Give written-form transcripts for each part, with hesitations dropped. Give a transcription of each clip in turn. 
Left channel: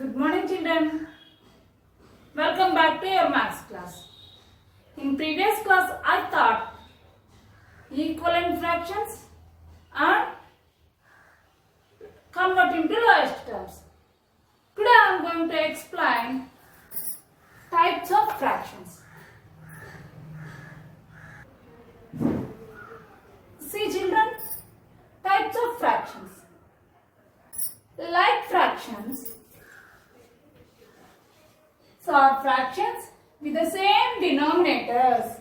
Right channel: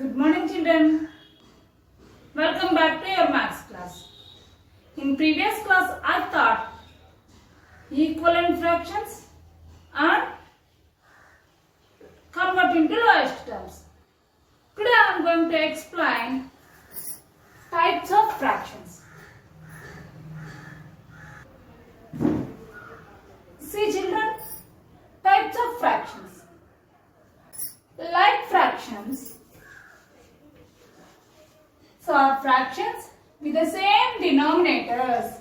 Good morning, children. Welcome back to your maths class. In previous class, I taught equivalent fractions and convert into lowest terms. Today, I am going to explain types of fractions. See, children, types of fractions. Like fractions. So, are fractions with the same denominators.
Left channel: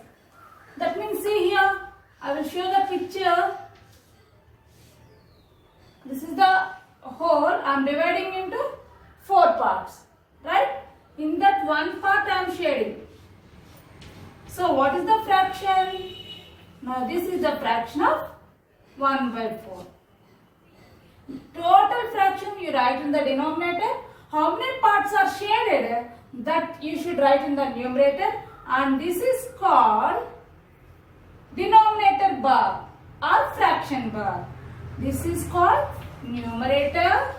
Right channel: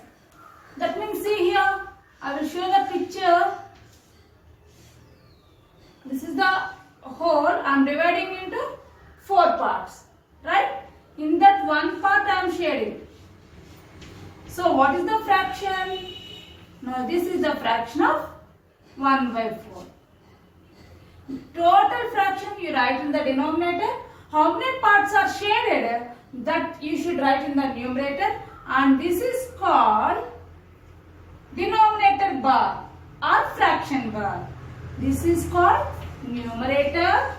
That means, see here, I will show the picture. This is the whole. I am dividing into 4 parts. Right? In that one part I am shading. So, what is the fraction? Now, this is the fraction of 1 by 4. Total fraction you write in the denominator. How many parts are shaded? That you should write in the numerator, and this is called denominator bar or fraction bar. This is called numerator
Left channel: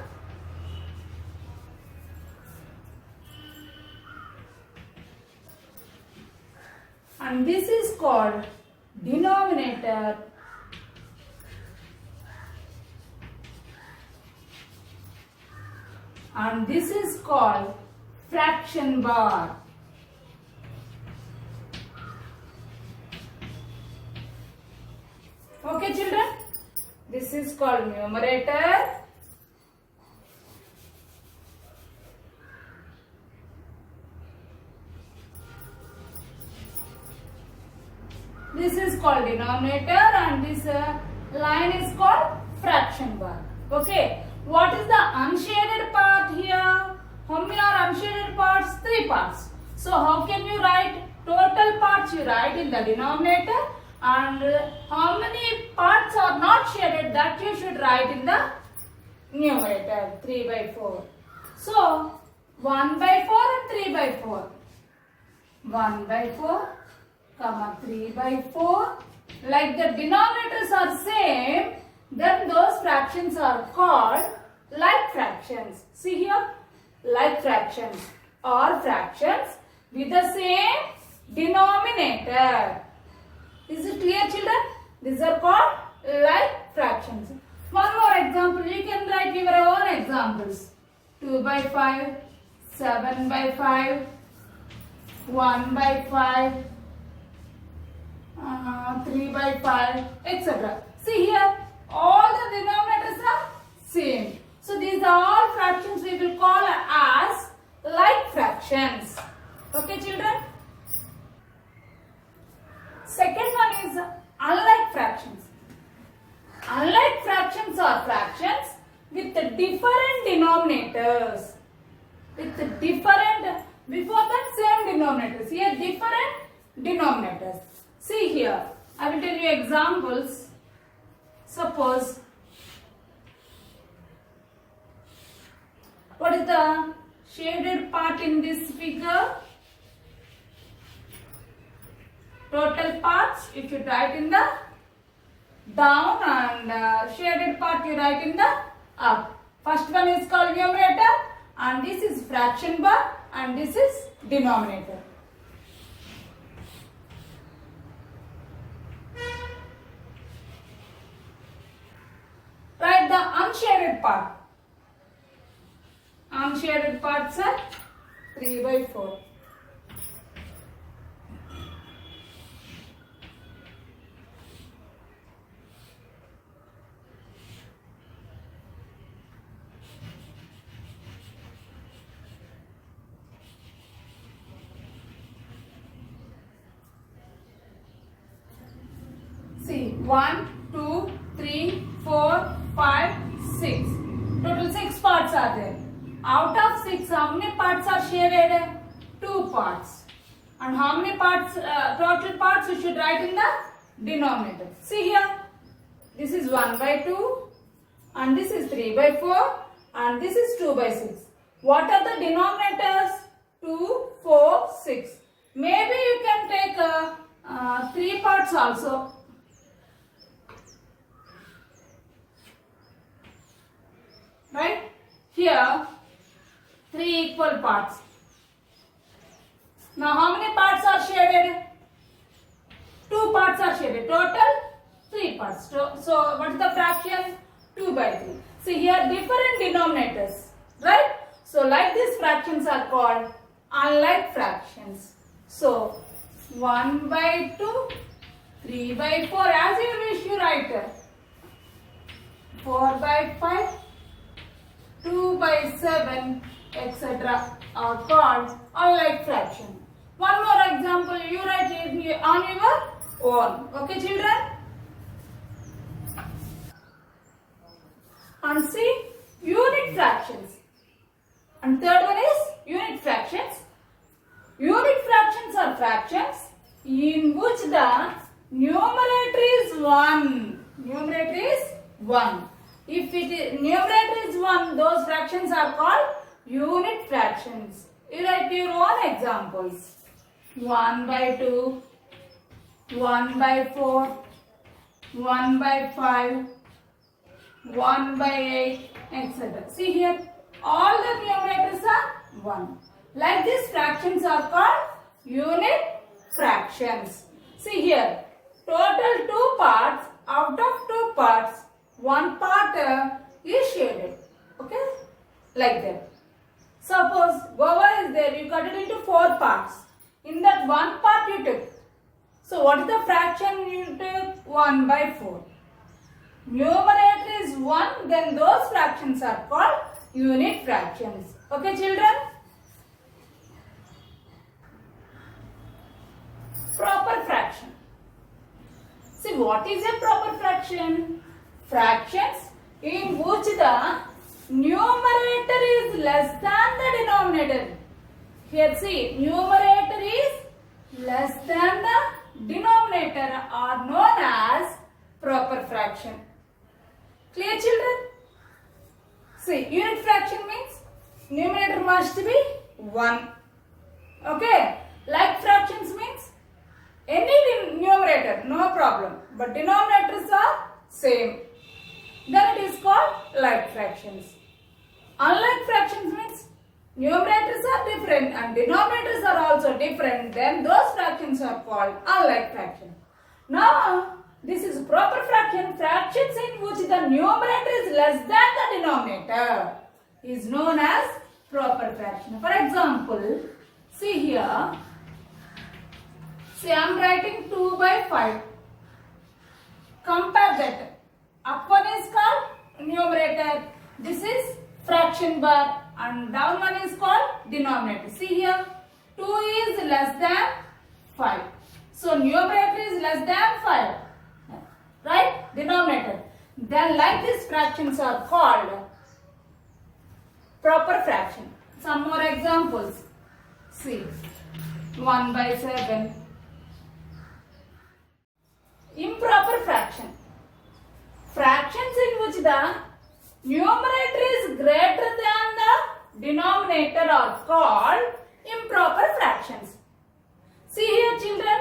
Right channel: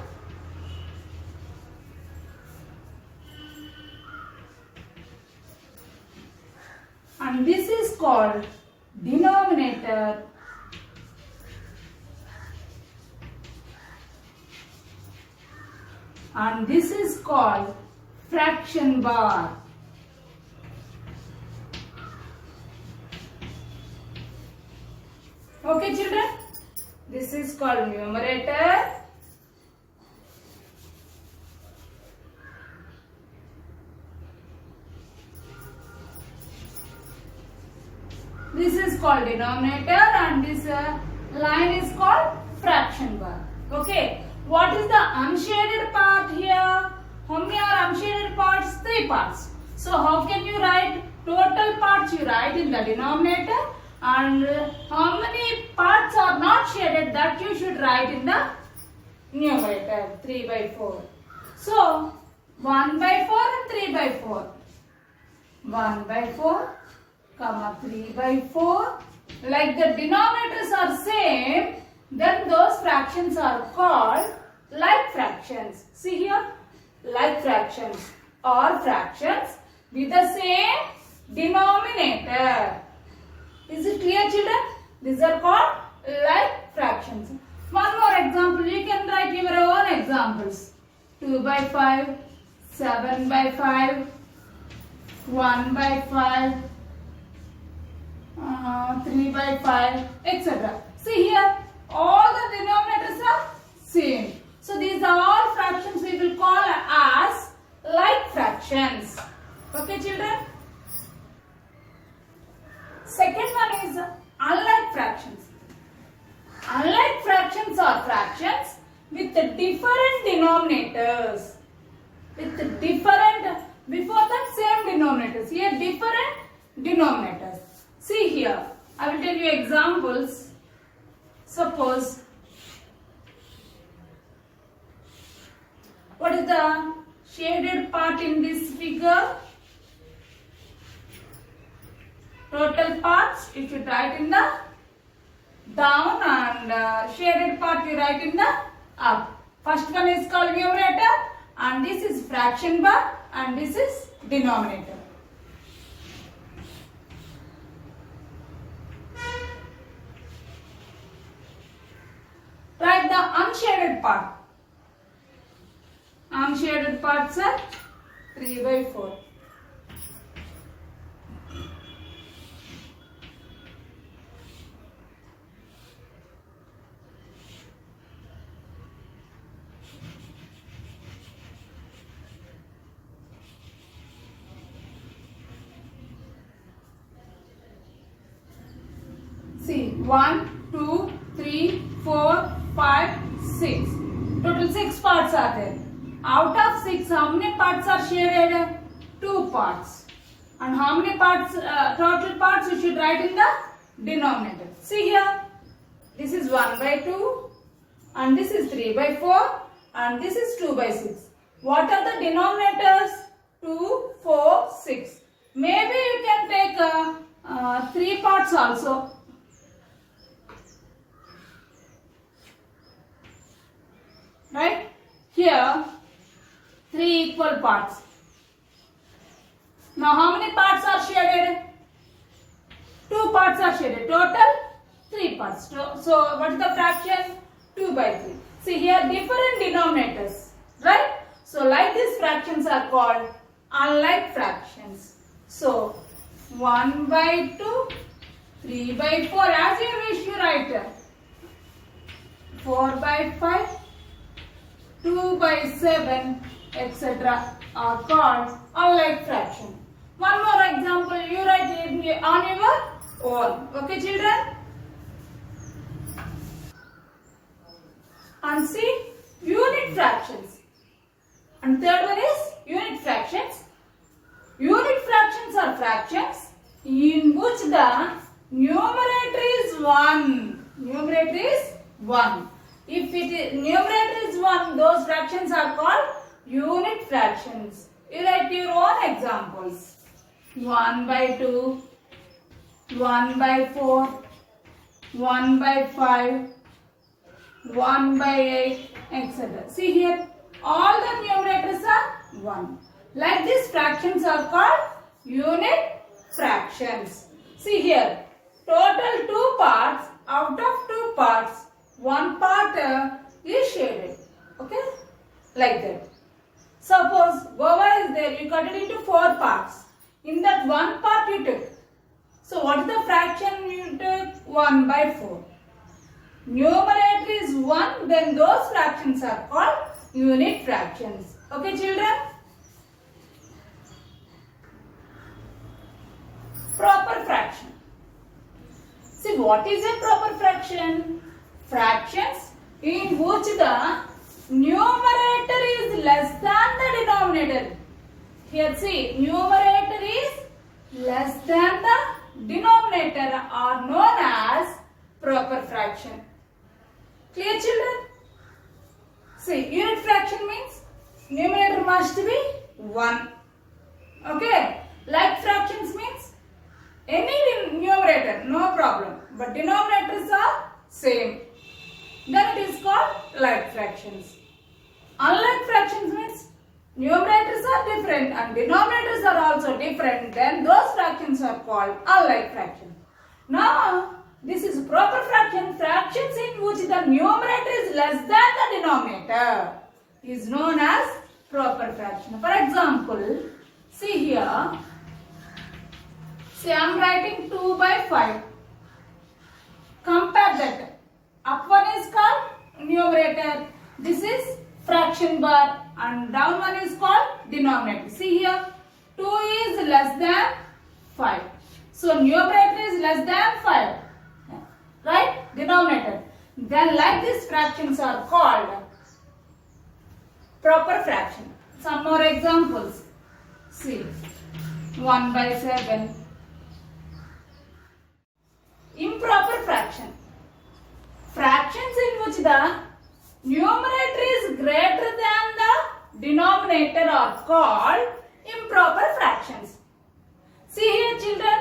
and this is called denominator. And this is called fraction bar. Okay, children? This is called numerator. This is called denominator and this line is called fraction bar. Okay. What is the unshaded part here? How many are unshaded parts? 3 parts. So how can you write total parts? You write in the denominator, and how many parts are not shaded, that you should write in the numerator. 3 by 4. So 1 by 4 and 3 by 4. 1 by 4, comma 3 by 4. Like the denominators are same, then those fractions are called like fractions. See here, like fractions or fractions with the same denominator. Is it clear, children? These are called like fractions. One more example, you can write your own examples. 2 by 5, 7 by 5, 1 by 5, 3 by 5, etc. See here, all the denominators are same. So these are all fractions we will call as like fractions. Okay, children? Second one is unlike fractions. Unlike fractions are fractions with different denominators. With different, before that same denominators. Here different denominators. See here, I will tell you examples. Suppose, what is the shaded part in this figure? Total parts, you should write in the down, and shaded part you write in the up. First one is called numerator, and this is fraction bar, and this is denominator. Write the unshaded part. Unshaded parts are 3 by 4. See, 1, 2, 3, 4, 5, 6. Total 6 parts are there. Out of 6, how many parts are shaded? 2 parts. And how many parts, total parts you should write in the denominator. See here, this is 1 by 2, and this is 3 by 4, and this is 2 by 6. What are the denominators? 2, 4, 6. Maybe you can take 3 parts also. Right? Here 3 equal parts. Now how many parts are shaded? 2 parts are shaded. Total 3 parts. So what is the fraction? 2 by 3. See here different denominators, right? So like these fractions are called unlike fractions. So 1 by 2, 3 by 4, as you wish you write. 4 by 5, 2 by 7, etc. are called unlike fraction. One more example, you write it on your own. Okay, children? And see, unit fractions. And third one is unit fractions. Unit fractions are fractions in which the numerator is 1. Numerator is 1. If numerator is 1, those fractions are called unit fractions. You write your own examples. 1 by 2, 1 by 4, 1 by 5, 1 by 8, etc. See here, all the numerators are 1. Like these fractions are called unit fractions. See here, total 2 parts. Out of 2 parts, 1 part is shaded. Okay, like that. Suppose guava is there, you cut it into 4 parts. In that 1 part you took. So what is the fraction you took? 1 by 4. Numerator is 1, then those fractions are called unit fractions. Okay, children? Proper fraction. See, what is a proper fraction? Fractions in which the numerator is less than the denominator. Here see, numerator is less than the denominator are known as proper fraction. Clear, children? See, unit fraction means numerator must be 1. Okay? Like fractions means any numerator, no problem. But denominators are same. Then it is called like fractions. Unlike fractions means numerators are different and denominators are also different. Then those fractions are called unlike fractions. Now, this is proper fraction. Fractions in which the numerator is less than the denominator is known as proper fraction. For example, see here. See, I am writing 2 by 5. Compare that. Up one is called numerator. This is fraction bar. And down one is called denominator. See here. 2 is less than 5. So, numerator is less than 5. Right? Denominator. Then like these fractions are called proper fraction. Some more examples. See. 1 by 7. Improper fraction. Fractions in which the numerator is greater than the denominator are called improper fractions. See here, children.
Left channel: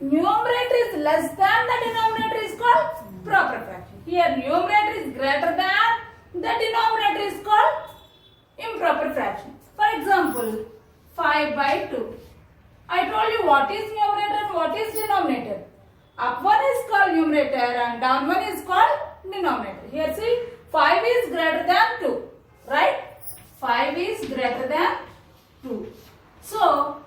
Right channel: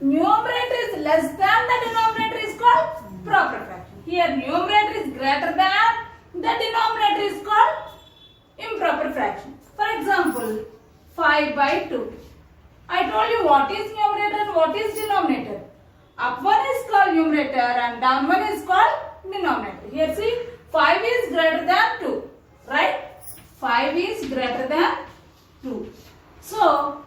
Numerator is less than the denominator is called proper fraction. Here numerator is greater than the denominator is called improper fraction. For example, 5 by 2. I told you what is numerator and what is denominator. Up one is called numerator and down one is called denominator. Here see, 5 is greater than 2. Right? 5 is greater than 2. So,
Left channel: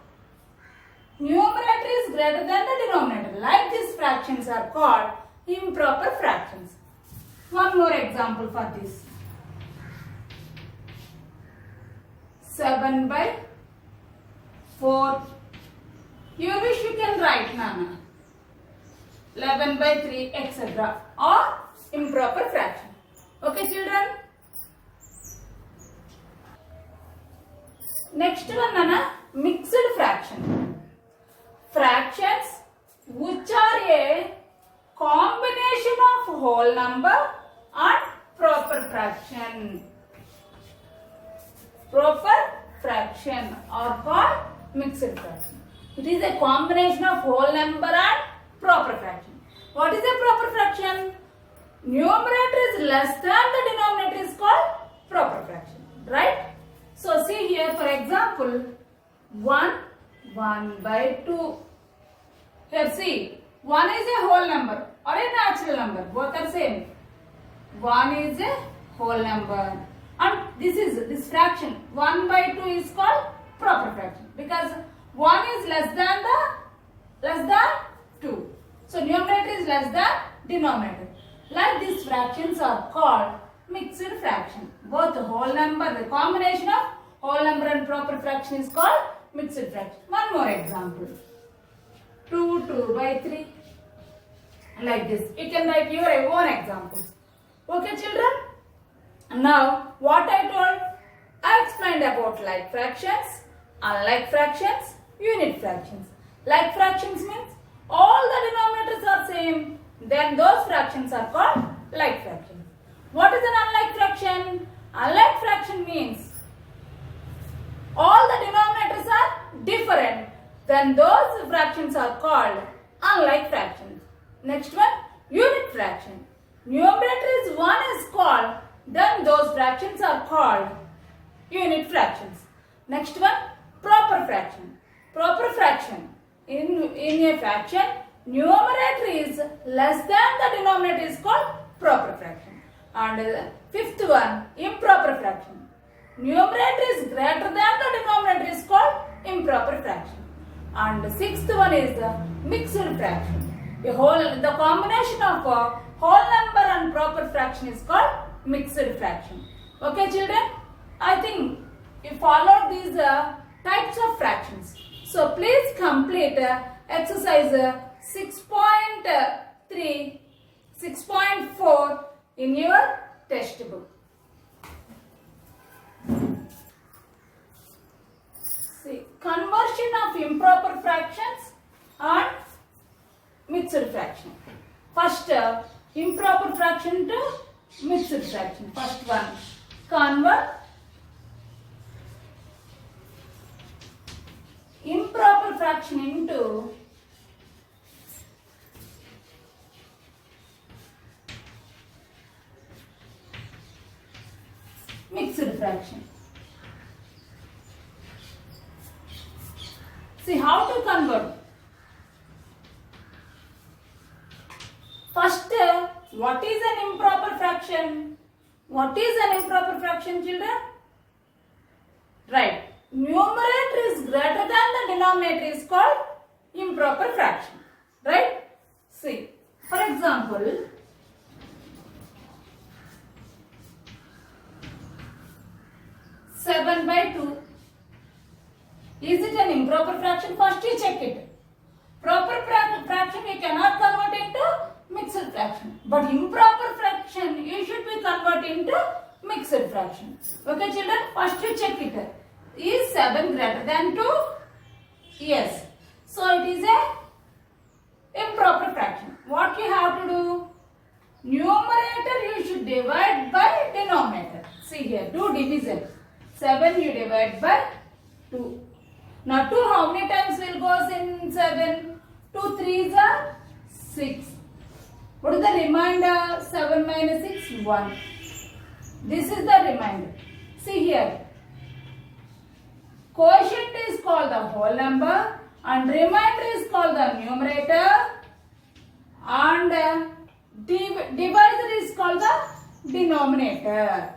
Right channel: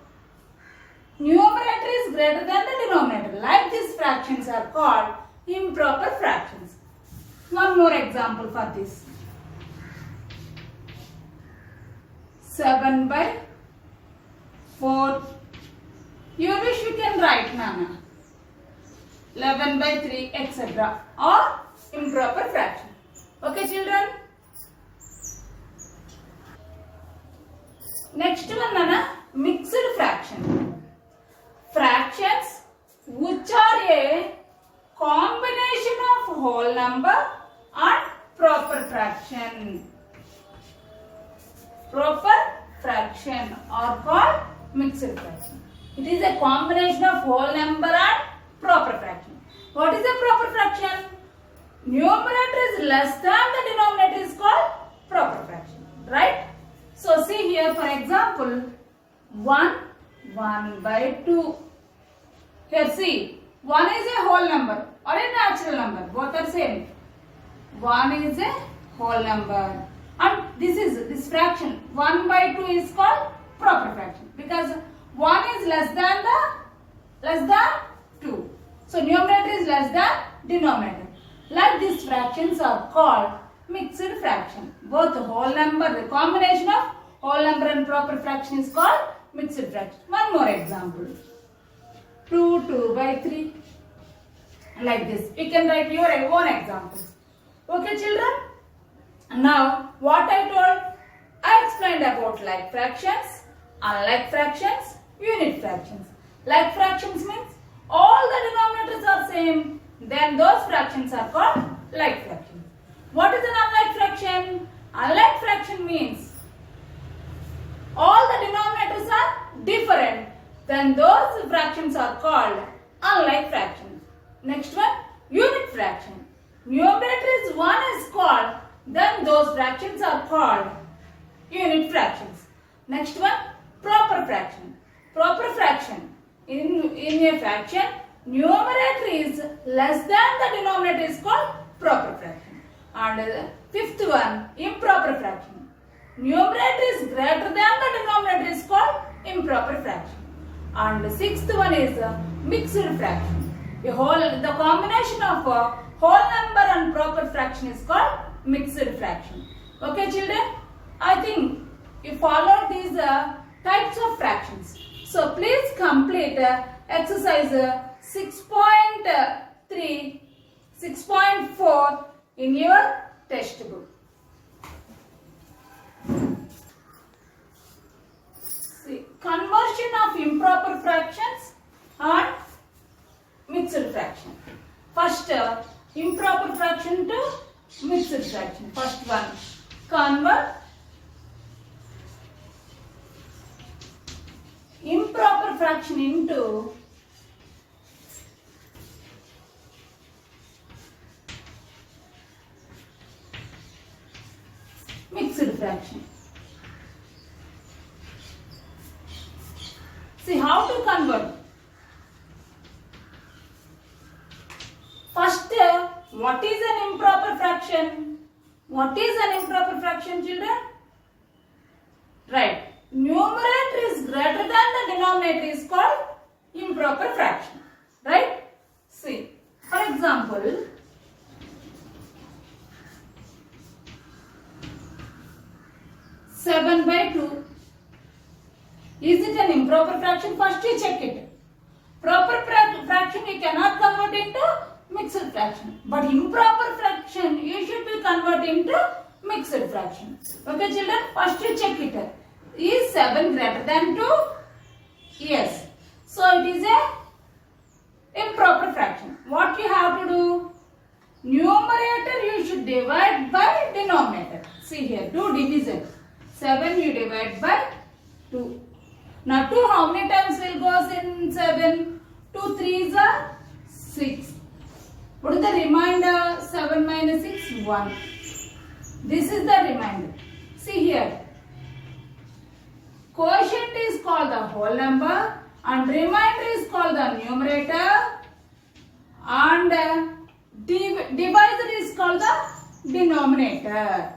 numerator is greater than the denominator. Like these fractions are called improper fractions. One more example for this. 7 by 4. You wish you can write, Nana. 11 by 3, etc. or improper fraction. Okay, children? Next one, Nana, mixed fraction. Fractions which are a combination of whole number and proper fraction. Proper fraction are called mixed fraction. It is a combination of whole number and proper fraction. What is a proper fraction? Numerator is less than the denominator is called proper fraction. Right? example, 1 by 2. Here see, 1 is a whole number or a natural number. Both are same. 1 is a whole number. And this fraction 1 by 2 is called proper fraction because 1 is less than 2. So numerator is less than denominator. Like these fractions are called mixed fraction. Both whole number, the combination of whole number and proper fraction is called mixed fraction. One more example. 2 by 3. Like this. You can write your own example. Okay children? Now what I told, I explained about like fractions, unlike fractions, unit fractions. Like fractions means all the denominators are same. Then those fractions are called like fractions. What is an unlike fraction? Unlike fraction means all the denominators are different. Then those fractions are called unlike fractions. Next one, unit fraction. Numerator is 1 is called, then those fractions are called unit fractions. Next one, proper fraction. Proper fraction. In a fraction, numerator is less than the denominator is called proper fraction. And fifth one, improper fraction. Numerator is greater than the denominator is called improper fraction. And sixth one is mixed fraction. The combination of a whole number and proper fraction is called mixed fraction. Okay children? I think you followed these types of fractions. So please complete exercise 6.3, 6.4 in your textbook. See, conversion of improper fractions and mixed fraction. First, improper fraction to mixed fraction. First one, convert improper fraction into mixed fraction. See how to convert. First, what is an improper fraction? What is an improper fraction, children? Right. Numerator is greater than the denominator is called improper fraction. Right? See, for example, seven by 2. Is it an improper fraction? First you check it. Proper fraction you cannot convert into mixed fraction. But improper fraction you should be converted into mixed fraction. Okay children? First you check it. Is 7 greater than 2? Yes. So it is a improper fraction. What you have to do? Numerator you should divide by denominator. See here, do division. 7 you divide by 2. Now 2 how many times will goes in 7? 2 3s are 6. What is the remainder? 7 minus 6, 1. This is the remainder. See here. Quotient is called the whole number and remainder is called the numerator and divisor is called the denominator.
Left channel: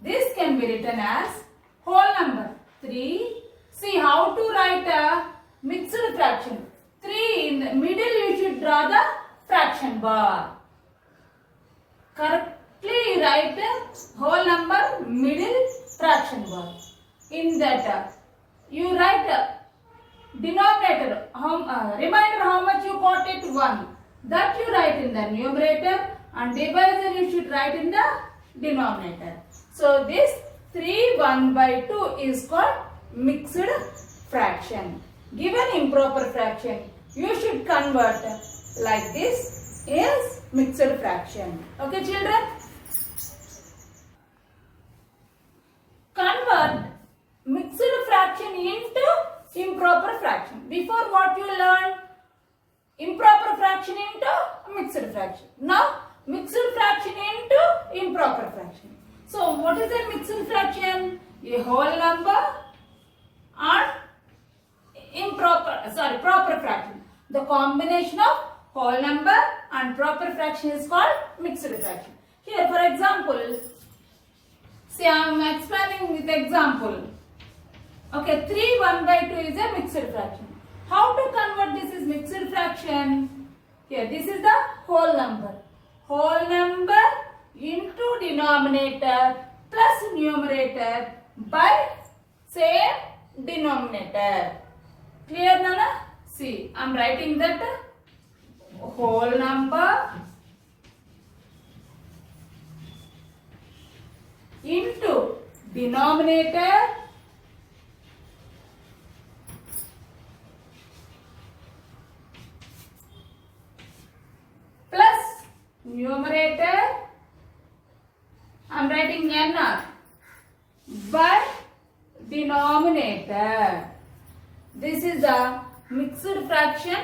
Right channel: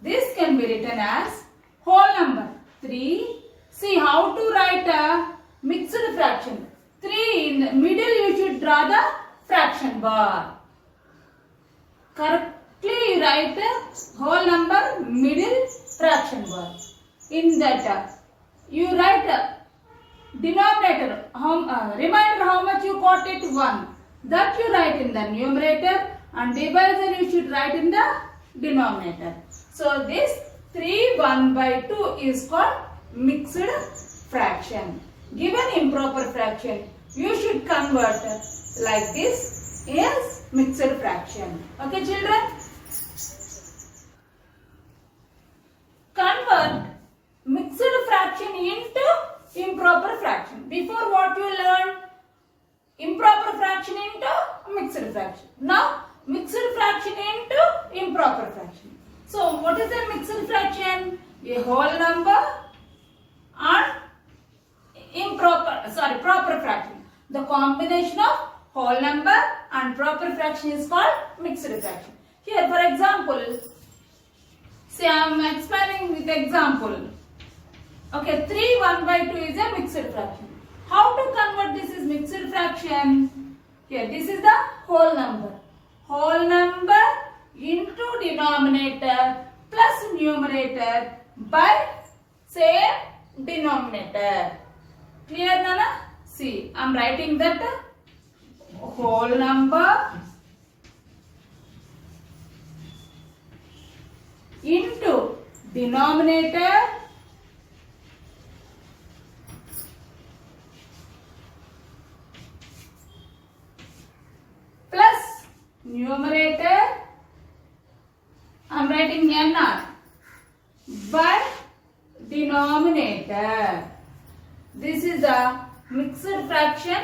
This can be written as whole number 3. See how to write a mixed fraction. 3 in the middle you should draw the fraction bar. Correctly you write the whole number middle fraction bar. In that you write denominator, remainder how much you got it 1. That you write in the numerator and divisor you should write in the denominator. So this 3 1 by 2 is called mixed fraction. Given improper fraction you should convert like this is mixed fraction. Okay children? Convert mixed fraction into improper fraction. Before what you learned? Improper fraction into mixed fraction. Now mixed fraction into improper fraction. So what is a mixed fraction? A whole number The combination of whole number and proper fraction is called mixed fraction. Here, for example, see, I am explaining with example. Okay, 3 1 by 2 is a mixed fraction. How to convert this is mixed fraction? Here, this is the whole number. Whole number into denominator plus numerator by same denominator. Clear, Nana? See, I am writing that whole number into denominator plus numerator, I am writing NR, by denominator. This is the mixed fraction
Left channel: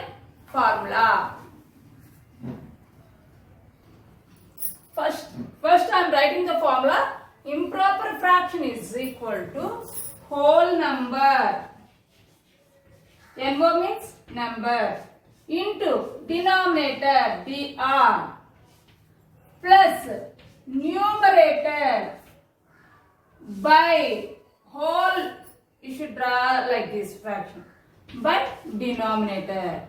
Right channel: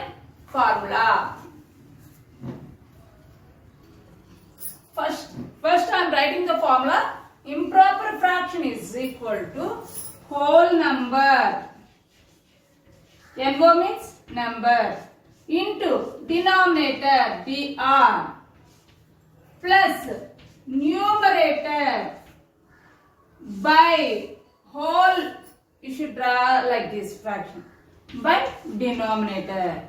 formula. First I am writing the formula. Improper fraction is equal to whole number. NO means number into denominator DR plus numerator by whole, you should draw like this fraction, by denominator.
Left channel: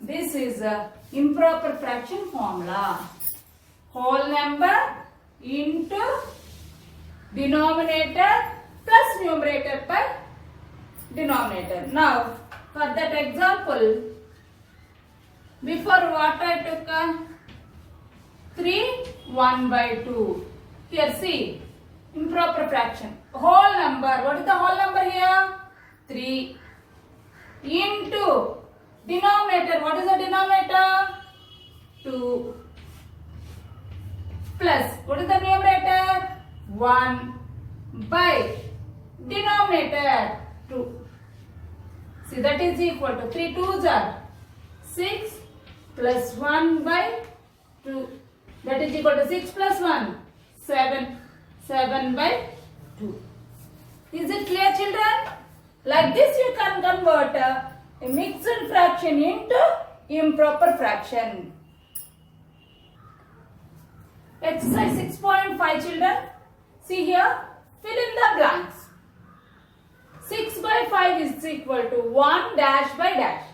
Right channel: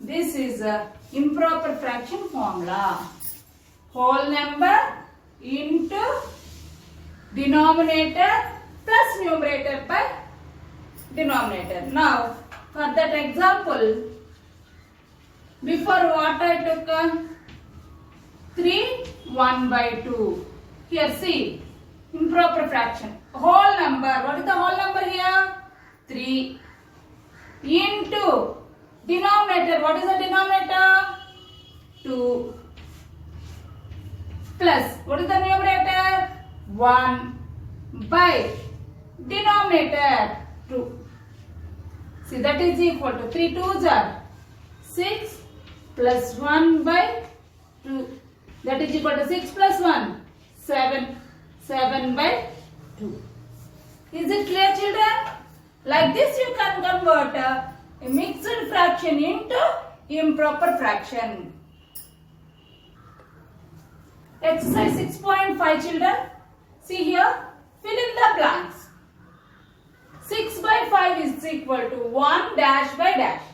This is a improper fraction formula. Whole number into denominator plus numerator by denominator. Now, for that example, before what I took 3 1 by 2. Here see, improper fraction. Whole number, what is the whole number here? 3 into denominator, what is the denominator? 2 plus, what is the numerator? 1 by denominator 2. See, that is equal to 3 2s are 6 plus 1 by 2. That is equal to 6 plus 1, 7. 7 by 2. Is it clear, children? Like this you can convert a mixed fraction into improper fraction. Exercise 6.5, children. See here, fill in the blanks. 6 by 5 is equal to 1 dash by dash.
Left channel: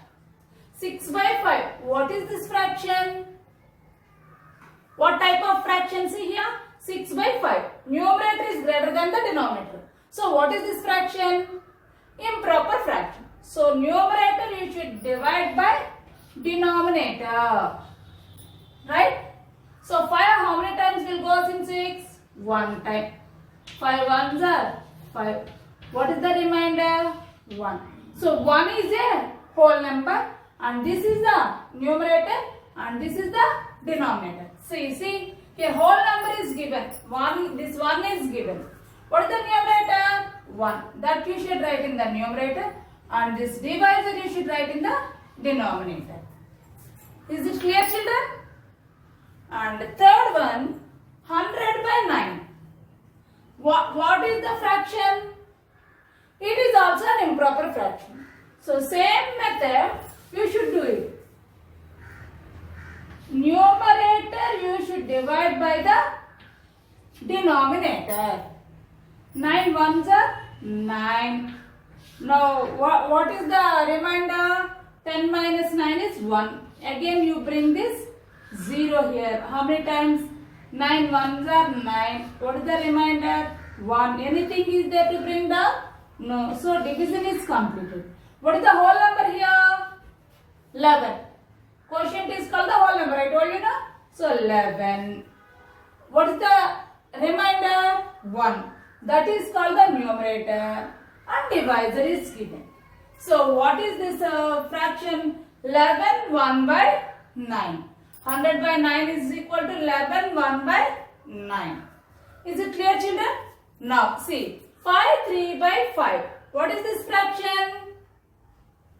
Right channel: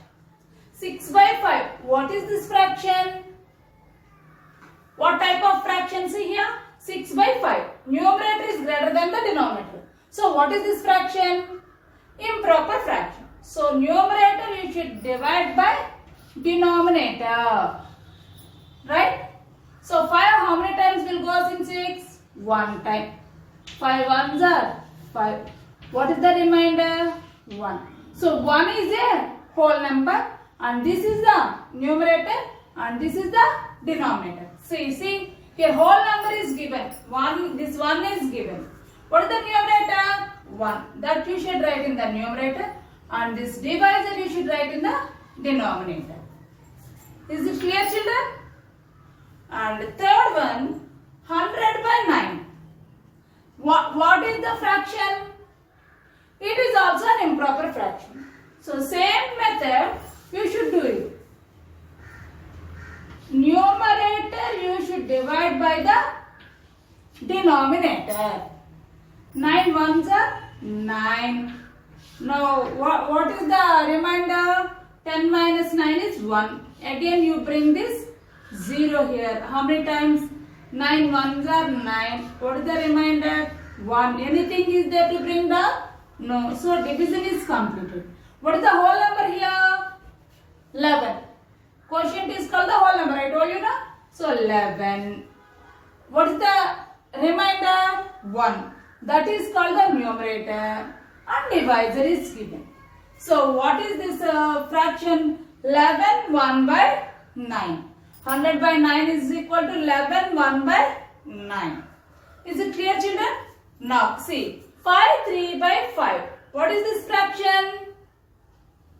6 by 5, what is this fraction? What type of fraction? See here, 6 by 5. Numerator is greater than the denominator. So what is this fraction? Improper fraction. So numerator you should divide by denominator. Right? So 5 how many times will goes in 6? 1 time. 5 ones are 5. What is the remainder? 1. So 1 is a whole number and this is the numerator and this is the denominator. See, here whole number is given. This one is given. What is the numerator? 1. That you should write in the numerator and this divisor you should write in the denominator. Is it clear, children? And third one, 100 by 9. What is the fraction? It is also an improper fraction. So same method you should do it. Numerator you should divide by the denominator. 9 ones are 9. Now what is the remainder? 10 minus 9 is 1. Again you bring this 0 here. How many times? 9 ones are 9. What is the remainder? 1. Anything is there to bring down? No. So division is completed. What is the whole number here? 11. Quotient is called the whole number. I told you na? So 11. What is the remainder? 1. That is called the numerator and divisor is given. So what is this fraction? 11 1 by 9. 100 by 9 is equal to 11 1 by 9. Is it clear, children? Now see, 5 3 by 5. What is this fraction?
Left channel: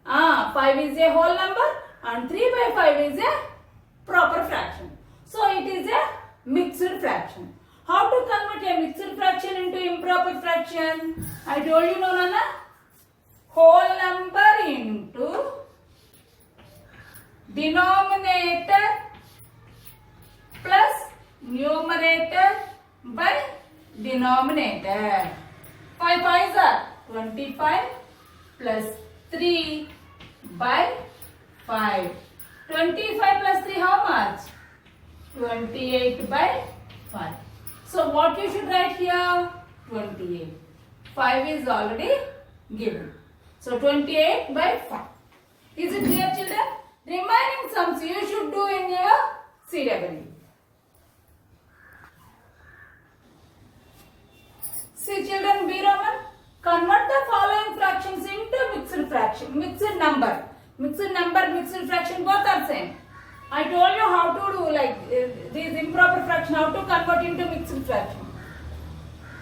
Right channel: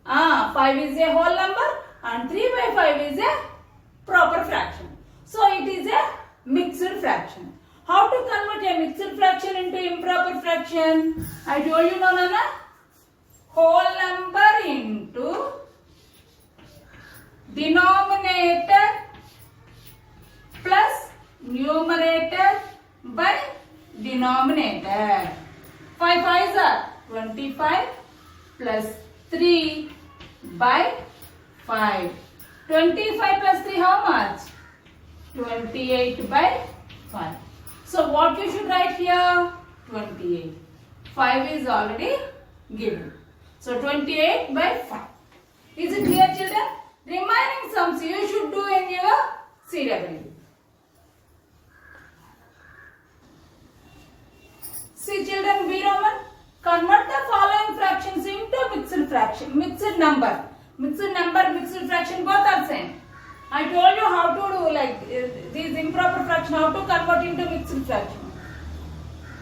5 is a whole number and 3 by 5 is a proper fraction. So it is a mixed fraction. How to convert a mixed fraction into improper fraction? I told you, no, Nana. Whole number into denominator plus numerator by denominator. 5 5s are 25 plus 3 by 5. 25 plus 3 how much? 28 by 5. So what we should write here? 28. 5 is already given. So 28 by 5. Is it clear, children? Remaining sums you should do in your CW. See children, B Roman, convert the following fractions into mixed fraction, mixed number. Mixed number, mixed fraction both are same. I told you how to do like these improper fraction, how to convert into mixed fraction.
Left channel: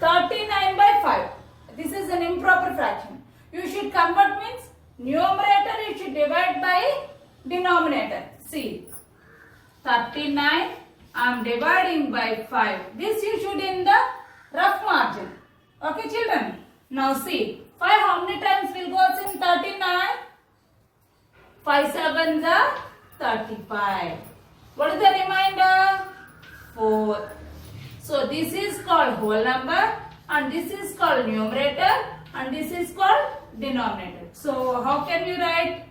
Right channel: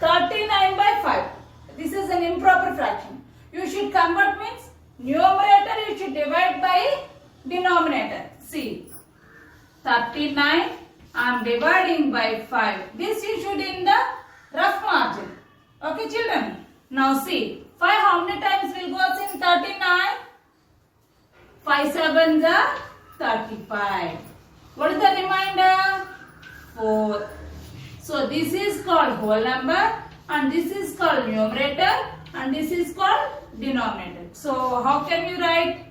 39 by 5. This is an improper fraction. You should convert means numerator you should divide by denominator. See, 39 I am dividing by 5. This you should in the rough margin. Okay children. Now see, 5 how many times will goes in 39? 5 7s are 35. What is the remainder? 4. So this is called whole number and this is called numerator and this is called denominator. So how can you write?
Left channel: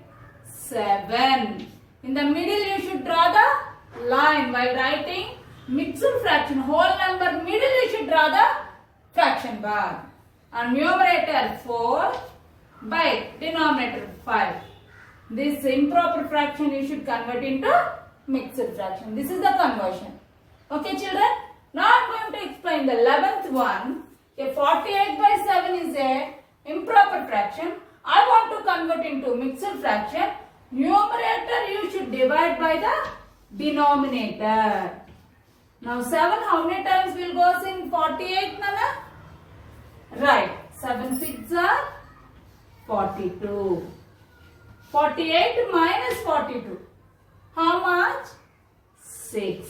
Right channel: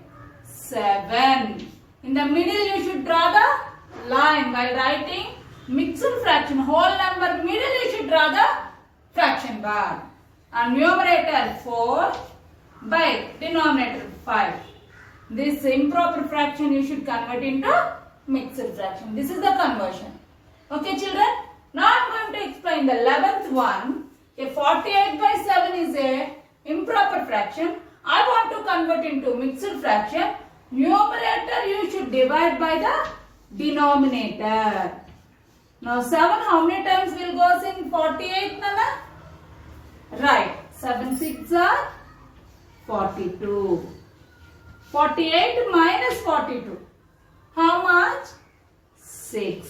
7. In the middle you should draw the line while writing mixed fraction. Whole number middle you should draw the fraction bar. And numerator 4 by denominator 5. This improper fraction you should convert into mixed fraction. This is the conversion. Okay children? Now I am going to explain the 11th one. A 48 by 7 is a improper fraction. I want to convert into mixed fraction. Numerator you should divide by the denominator. Now 7 how many times will goes in 48 Nana? Right. 7 6 are 42. 48 minus 42. How much? 6.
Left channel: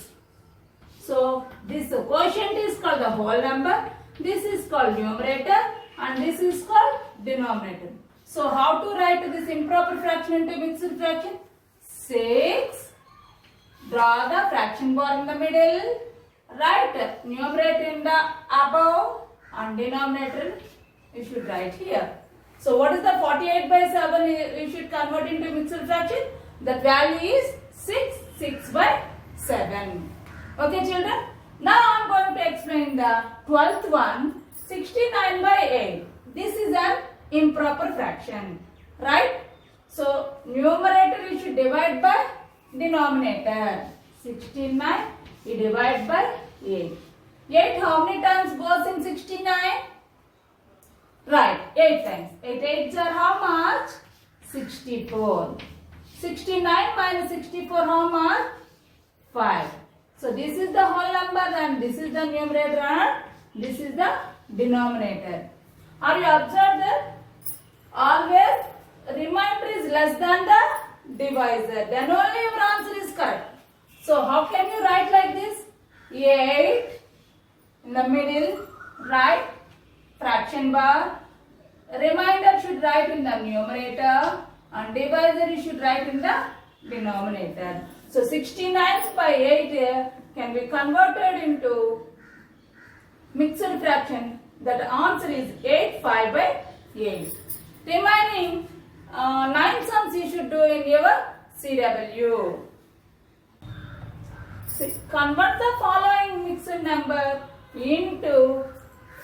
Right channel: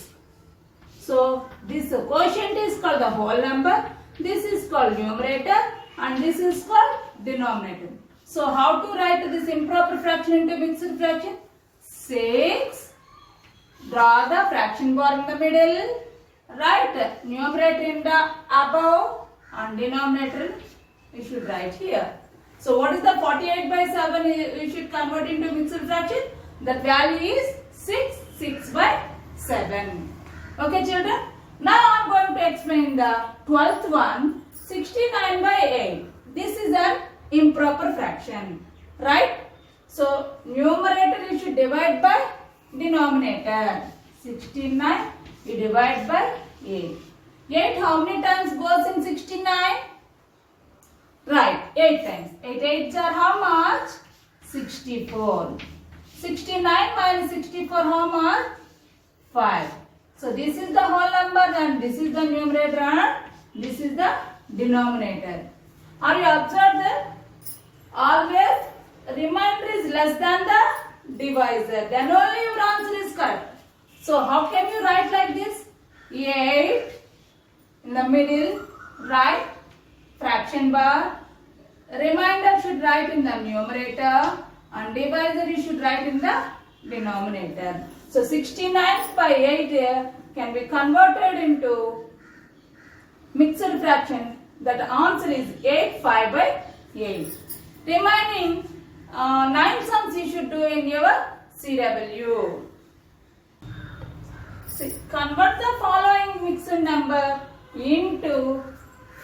So this quotient is called the whole number. This is called numerator and this is called denominator. So how to write this improper fraction into mixed fraction? 6. Draw the fraction bar in the middle. Write numerator in the above and denominator you should write here. So what is the 48 by 7 we should convert into mixed fraction? The value is 6. 6 by 7. Okay children. Now I am going to explain the 12th one. 69 by 8. This is an improper fraction. Right? So numerator you should divide by denominator. 69 you divide by 8. 8 how many times goes in 69? Right, 8 times. 8 8s are how much? 64. 69 minus 64 how much? 5. So this is the whole number and this is the numerator and this is the denominator. Are you observed that? Always remainder is less than the divisor. Then only your answer is correct. So how can you write like this? 8 in the middle, right? Fraction bar. Remainder should write in the numerator and divisor you should write in the denominator. So 69 by 8 can be converted into mixed fraction. That answer is 8 5 by 8. Remaining 9 sums you should do in your CW. Convert the following mixed number into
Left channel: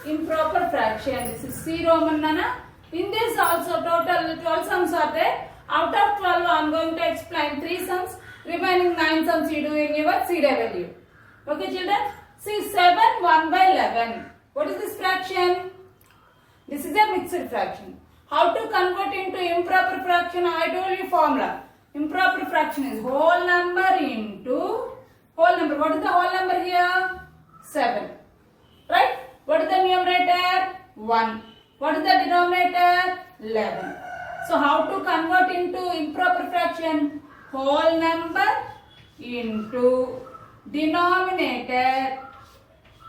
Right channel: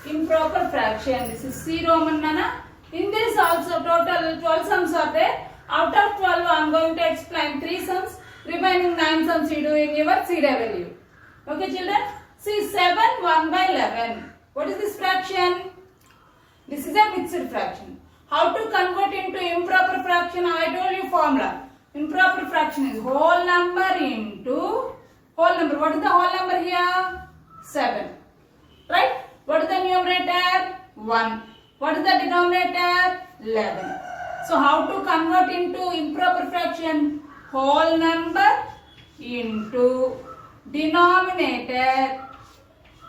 improper fraction. This is C Roman Nana. In this also total 12 sums are there. Out of 12 I am going to explain 3 sums. Remaining 9 sums you do in your CW. Okay children? See 7 1 by 11. What is this fraction? This is a mixed fraction. How to convert into improper fraction? I told you formula. Improper fraction is whole number into whole number. What is the whole number here? 7. Right? What is the numerator? 1. What is the denominator? 11. So how to convert into improper fraction? Whole number into denominator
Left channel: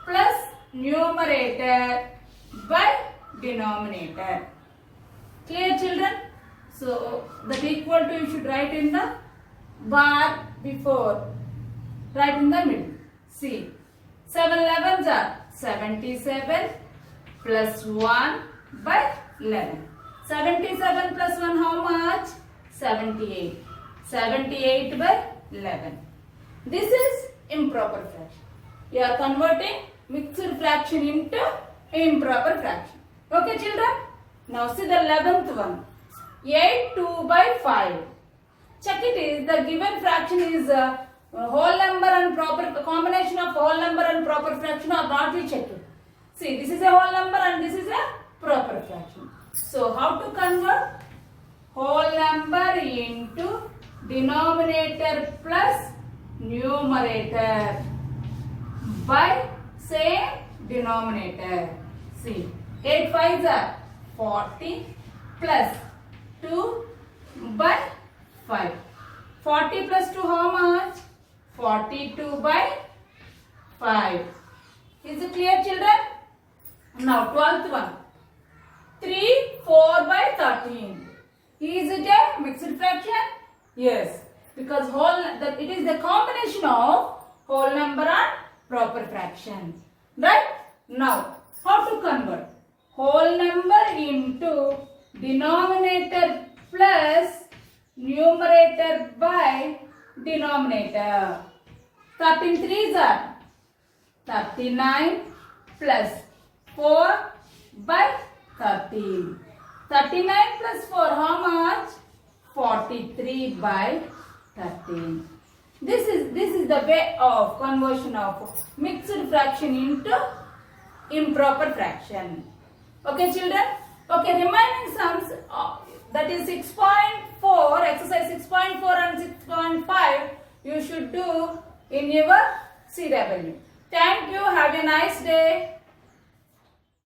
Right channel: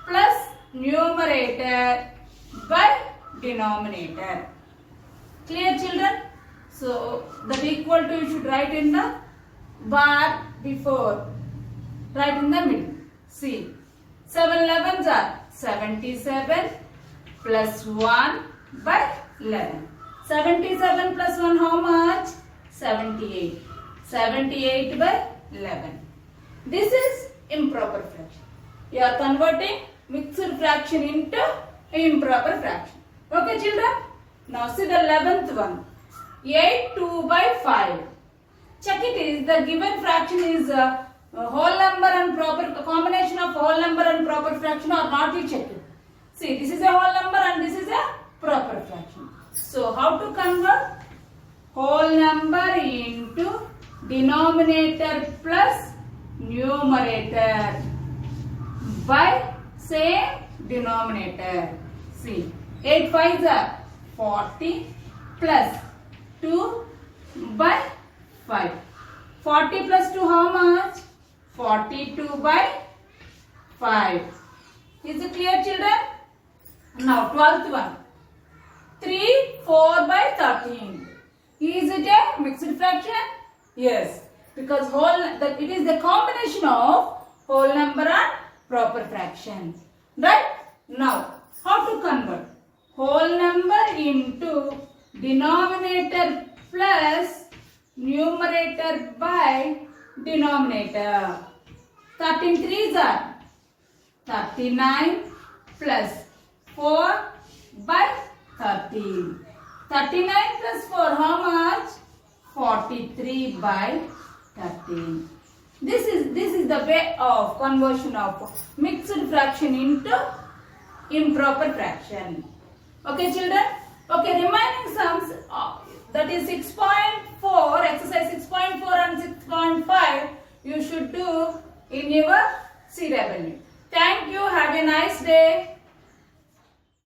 plus numerator by denominator. Clear children? So that equal to you should write in the bar before, right in the middle. See, 7 11s are 77 plus 1 by 11. 77 plus 1 how much? 78. 78 by 11. This is improper fraction. You are converting mixed fraction into improper fraction. Okay children? Now see the 11th one. 8 2 by 5. Check it is the given fraction is a whole number and proper combination of whole number and proper fraction or not, we check it. See, this is a whole number and this is a proper fraction. So how to convert whole number into denominator plus numerator by same denominator. See, 8 5s are 40 plus 2 by 5. 40 plus 2 how much? 42 by 5. Is it clear children? Now 12th one. 3 4 by 13. Is it a mixed fraction? Yes. Because it is the combination of whole number and proper fraction. Right? Now, how to convert? Whole number into denominator plus numerator by denominator. 13 3s are 39 plus 4 by 13. 39 plus 4 how much? 43 by 13. This is the way of conversion of mixed fraction into improper fraction. Okay children? Okay, remaining sums that is 6.4, exercise 6.4 and 6.5 you should do in your CW. Thank you. Have a nice day.